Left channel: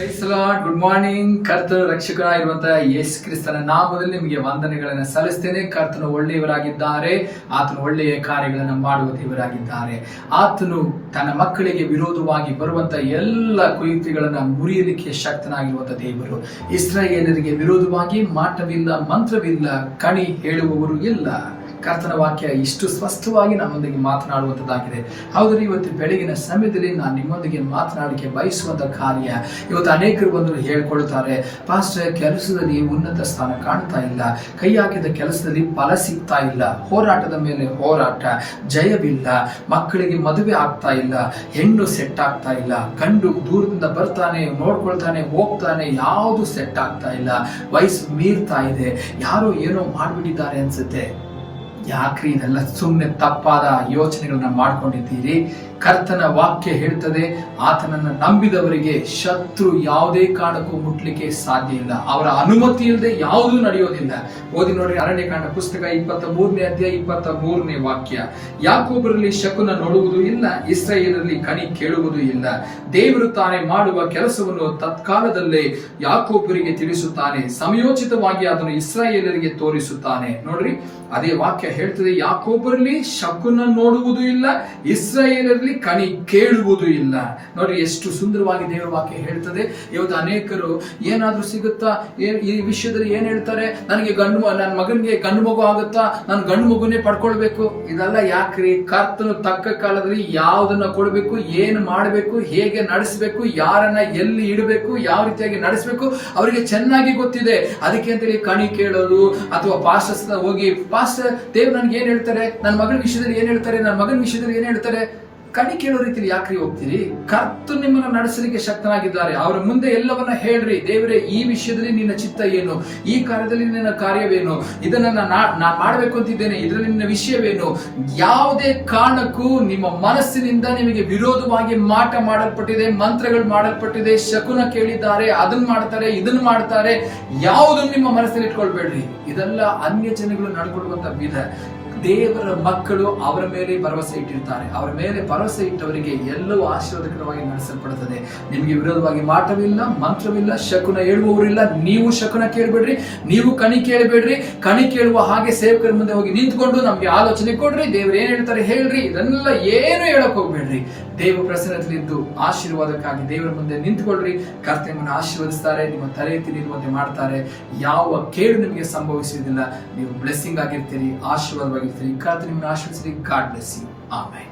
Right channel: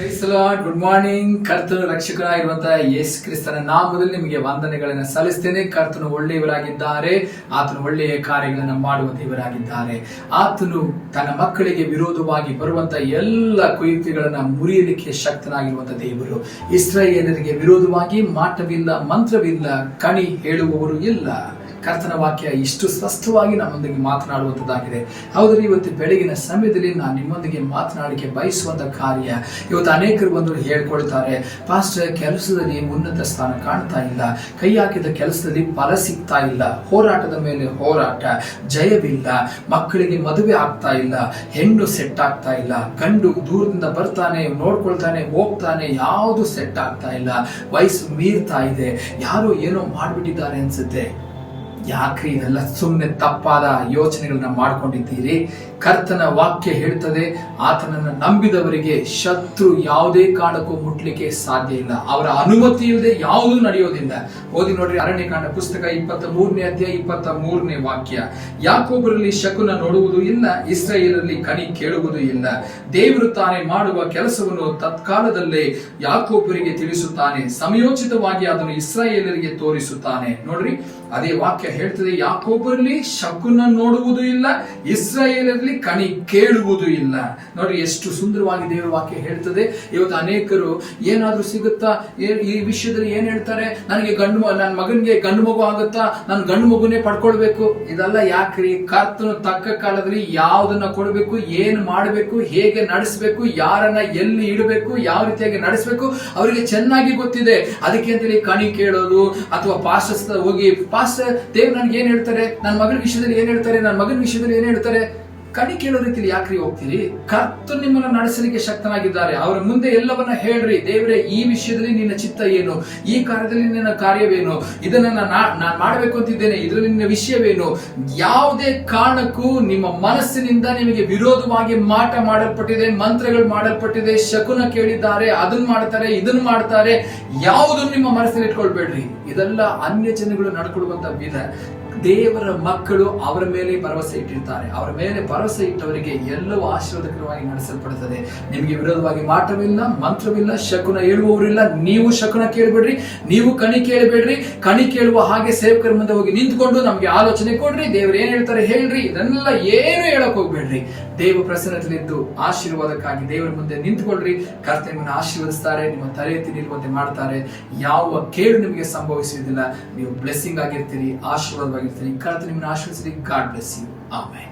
Good morning ಕರ್ತನು ರಕ್ಷಕರಾಗಿರುವಂತಹ ಯೇಸು ಕ್ರಿಸ್ತನ ನಾಮದಲ್ಲಿ ನಿಮಗೆ ವಂದನೆಗಳನ್ನು ಸಲ್ಲಿಸ್ತೇನೆ. ಕರ್ತನು ಒಳ್ಳೆಯವರಾಗಿದ್ದಾರೆ. ಆತನು ಒಳ್ಳೆಯ ಕಾರ್ಯಗಳನ್ನು ಮಾಡುವ ದೇವರಾಗಿದ್ದಾರೆ. ಆತನು ತನ್ನ ಮಕ್ಕಳಿಗೆ ವಿರೋಧವಾಗಿ ಬರುವಂತಹ ಎಲ್ಲ ಕುಯುಕ್ತಿಗಳನ್ನು ಮುರಿಯಲಿಕ್ಕೆ ಶಕ್ತನಾಗಿರುವಂತಹ ದೇವರು. ಇಸ್ರಾಯೇಲರಿಗೆ ವಿರೋಧವಾಗಿ ಮಾಟವಿಲ್ಲ, ಮಂತ್ರವಿಲ್ಲ, ಕಣಿ ಹೇಳುವವರು ಇಲ್ಲ. ಕರ್ತನ ವಾಕ್ಯ ಇಷ್ಟು ಸ್ಪಷ್ಟವಾಗಿ ನಮ್ಮೊಂದಿಗೆ ಮಾತನಾಡುವಂಥದ್ದಾಗಿದೆ. ಹೌದ್ರಿ, ಇವತ್ತು ಬೆಳಗಿನ ಸಮಯದಲ್ಲಿ ನಾನು ನಿಮ್ಮೊಂದಿಗೆ ಮಾತನಾಡಲಿಕ್ಕೆ ಬಯಸುವಂತ ಕಾರ್ಯ ಇವತ್ತು ಅನೇಕರು ಬಂದು ಹೇಳ್ಕೊಳ್ತಾರೆ, ಪಾಸ್ಟರ್, ಕೆಲಸದಲ್ಲಿ ಉನ್ನತ ಸ್ಥಾನ ಕಾಣ್ತಾ ಇಲ್ಲ. ಕೈ ಹಾಕಿದ ಕೆಲಸದಲ್ಲಿ ಫಲ ಸಿಗ್ತಾ ಇಲ್ಲ. ಹೋರಾಟದ ಮೇಲೆ ಹೋರಾಟ, ಜಯವಿಲ್ಲ. ಮಕ್ಕಳಿಗೆ ಮದುವೆ ಆಗ್ತಾ ಇಲ್ಲ. ಹೆಣ್ಣು ಸೆಟ್ ಆಗ್ತಾ ಇಲ್ಲ. ಗಂಡು ದೂರದಿಂದ ಬರ್ತಾನೆ, ನೋಡ್ಕೊಳ್ತಾನೆ, ಹೋಗ್ತಾನೆ, ಯಾವುದು ಸೆಟ್ ಆಗ್ತಾ ಇಲ್ಲ. ವಯಸ್ಸು ಮೀರ್ತಾ ಇದೆ. ಯಾರೋ ಏನೋ ಮಾಡಿಬಿಟ್ಟಿದ್ದಾರೆ ಅನ್ಸುತ್ತೆ. ಯಾಕ್ರಿ ಇದೆಲ್ಲ ಸುಮ್ಮನೆ ತಪ್ಪಾದ ಯೋಚನೆಗಳನ್ನ ಮಾಡ್ಕೊಂಡಿದ್ದೀರಿ? ಕರ್ತನ ವಾಕ್ಯ ಹೇಳ್ತದೆ ಆತನನ್ನ ನಂಬಿದವರಿಗೆ ಶತ್ರು ಯಾವುದೇ ಕಾರಣಕ್ಕೂ ಮುಟ್ಲಿಕ್ಕೆ ಸಾಧ್ಯ ಇಲ್ಲ. ಅವರ ಅನುಮತಿ ಇಲ್ಲದೆ ಯಾವುದೂ ನಡೆಯೋದಿಲ್ಲ. ಓದಿ ನೋಡಿ ಅರಣ್ಯಕಾಂಡ ಪುಸ್ತಕ ಇಪ್ಪತ್ತ ಮೂರನೇ ಅಧ್ಯಾಯ ಇಪ್ಪತ್ತ ಮೂರನೇ ವಾಕ್ಯ. ಯಾಕೊಬ್ಬರಲ್ಲಿ ಶಕುನ ನೋಡುವುದು ಇಲ್ಲ ಇಸ್ರೇಲರಲ್ಲಿ ಕಣಿ ಕೇಳುವುದು ಇಲ್ಲ. ದೇವರು ತಾನೇ ಮಾಡುವ ಕೆಲಸವನ್ನು ತತ್ಕಾಲದಲ್ಲೇ ಯಾಕೊಬ್ಬರಿಗೆ ತಿಳಿಸುತ್ತಾನೆ. ಸಮಯೋಚಿತವಾಗಿ ಅದನ್ನು ಇಸ್ರಾಯೇಲರಿಗೆ ತೋರಿಸುತ್ತಾನೆ. ನೋಡ್ರಿ, ಅದೇ ವಾಕ್ಯ ಹೇಳ್ತದೆ ಯಾಕೊಬ್ಬರಲ್ಲಿ ಶಕುನ ನೋಡುವುದು ಇಲ್ಲ, ಇಸ್ರಾಯೇಲರಲ್ಲಿ ಕಣಿ ಕೇಳುವುದು ಇಲ್ಲ. ನೋಡ್ರಿ ಎಷ್ಟು ಸುಂದರವಾಗಿ ದೇವರ ವಾಕ್ಯ ಹೇಳ್ತದೆ. ಇವತ್ತು ಅನೇಕರು, ಏನಾದ್ರೂ ಸಿಗುತ್ತಾ? ಈ ವಿಷಯದಲ್ಲಿ ಏನ್ ಹೇಳ್ತಾರೆ? ನನಗೆ ಗಂಡು ನನ್ನ ಮಗನಿಗೆ ಗಂಡು ಮಗು ಆಗುತ್ತಾ? ನಾನು ಗಂಡು ಮಗುನೇ ಪಡ್ಕೊಳ್ಬೇಕು. ಇದೆಲ್ಲ ಯಾಕ್ರಿ? ಕರ್ತನು ತಕ್ಕ ಕಾಲದಲ್ಲಿ ಯಾವ್ದನ್ನ ಕೊಡಬೇಕು, ಏನ್ ಮಾಡಬೇಕು, ಹೇಗೆ ನಡೆಸಬೇಕು, ಯಾರನ್ನ ಎಲ್ಲಿ ಇಡಬೇಕು, ಯಾವ ರೀತಿಯಾಗಿ ನಡೆಸಬೇಕು, ಅವರಿಗೆ ಚೆನ್ನಾಗಿ ಗೊತ್ತಿದೆ. ಅದಕ್ಕೆ ಅಂತೇಳಿ ಕಣಿ ಕೇಳೋದು, ಅಥವಾ ಪಾಸ್ಟರ್ಸ್ ಹೋಗಿ ಪಾಸ್ಟರ್ ದೇವ್ ನನ್ಗೆ ಏನ್ ಹೇಳ್ತಾರೆ? ನನ್ನ ಮಗನ ವಿಷಯದಲ್ಲಿ ಏನ್ ಹೇಳ್ತಾರೆ? ನನ್ನ ಮಗನ ವಿಷಯದಲ್ಲಿ ಏನ್ ಹೇಳ್ತಾರೆ? ಕಣಿ ಕೇಳೋ ರೀತಿಯಲ್ಲಿ ಯಾಕ್ರಿ ಹೋಗ್ತೀರಿ? ಕರ್ತು ನಿಮ್ಮನ್ನ ನಡೆಸಲಿಕ್ಕೆ ಶಕ್ತನಾಗಿದ್ದಾರೆ. ಅವರ ಮುಂದೆ ಎಲ್ಲವನ್ನ ಹೇಳ್ರಿ. ದೇವರೇ, ಈ ವಿಷಯದಲ್ಲಿ ನಿನ್ನ ಚಿತ್ತ ಏನು? ಈ ಕಾರ್ಯದಲ್ಲಿ ನಿನ್ನ ಕಾರ್ಯವೇನು? ಇದನ್ನ ನಾ ನಾ ಮಾಡಬೇಕು ಅಂತಿದ್ದೇನೆ. ಇದರಲ್ಲಿ ನಿನ್ನ ವಿಷಯವೇನು? ಯಾವುದೇ ಕಾರಣಕ್ಕೂ ನಿಮ್ಮ ಮನಸ್ಸಿನಿಂದ ನಿಮಗೆ ವಿರೋಧವಾಗಿ ಮಾಟ ಮಾಡಲ್ಪಟ್ಟಿದೆ, ಮಂತ್ರಗಳು ಮಾಡಲ್ಪಟ್ಟಿದೆ, ಶಕುನ ಕೇಳಿದ್ದಾರೆ ಅದನ್ನ ಮಾಡ್ತಾರೆ ಇದನ್ನ ಮಾಡ್ತಾರೆ. ಯಾವುದನ್ನು ನಿಮ್ಮ ಮನಸ್ಸಲ್ಲಿ ಇಟ್ಕೊಳ್ಬೇಡ್ರಿ. ಇದೆಲ್ಲ ಅನ್ಯ ಜನಗಳು ನಡ್ಕೊಳ್ಳುವಂತ ವಿಧ. ದೇವರ ಮಕ್ಕಳು ಅವರ ಮೇಲೆ ಭರವಸೆ ಇಟ್ಟಿರ್ತಾರೆ. ಅವರ ಮೇಲೆ ಭರವಸೆ ಇಟ್ಟವರಿಗೆ ಎಲ್ಲವೂ ಆಶೀರ್ವಾದಕರವಾಗಿ ನಡೆಸಲ್ಪಡುತ್ತದೆ. ನಿಮಗೆ ವಿರೋಧವಾಗಿ ಮಾಟವಿಲ್ಲ ಮಂತ್ರವಿಲ್ಲ, ಶಕುನ ಹೇಳುವವರಿಲ್ಲ. ನೀವು ಶಕುನ ಕೇಳಬೇಡ್ರಿ, ನೀವು ಕಣಿ ಕೇಳಬೇಡ್ರಿ. ಕಣಿ ಕೇಳುವ ಹಾಗೆ ಸೇವಕರ ಮುಂದೆ ಹೋಗಿ ನಿಂತ್ಕೊಂಡು ನಮ್ಗೆ ಆಲೋಚನೆ ಕೊಡ್ರಿ. ದೇವರು ಏನ್ ಹೇಳ್ತಾರೆ ಹೇಳ್ರಿ, ಇದನ್ನೆಲ್ಲ ಏನು ಹೇಳಕ್ ಹೋಗ್ಬೇಡ್ರಿ. ದೇವ ಪ್ರಸನ್ನದಲ್ಲಿದ್ದು ಆಶೀರ್ವಾದಕ್ಕಾಗಿ ದೇವರ ಮುಂದೆ ನಿಂತ್ಕೊಳ್ರಿ. ನಿಮ್ಮನ್ನು ಆಶೀರ್ವದಿಸ್ತಾರೆ, ನಿಮ್ಮ ತಲೆ ಎತ್ತಿ ನಿಲ್ಲುವಂತೆ ಮಾಡ್ತಾರೆ. ಯಾವ ಕೇಳು ನಿಮಗೆ ಸಂಭವಿಸುವುದಿಲ್ಲ. ನೀವು ಬ್ಲೆಸ್ಸಿಂಗ್ ಆಗಿರ್ತೀರಿ, ಆಶೀರ್ವಾದವಾಗಿರ್ತೀರಿ. ಕರ್ತ ನಿಮ್ಮನ್ನು ಆಶೀರ್ವದಿಸಿ ಗಾಡ್ ಬ್ಲೆಸ್ ಯು ಆಮೇಲೆ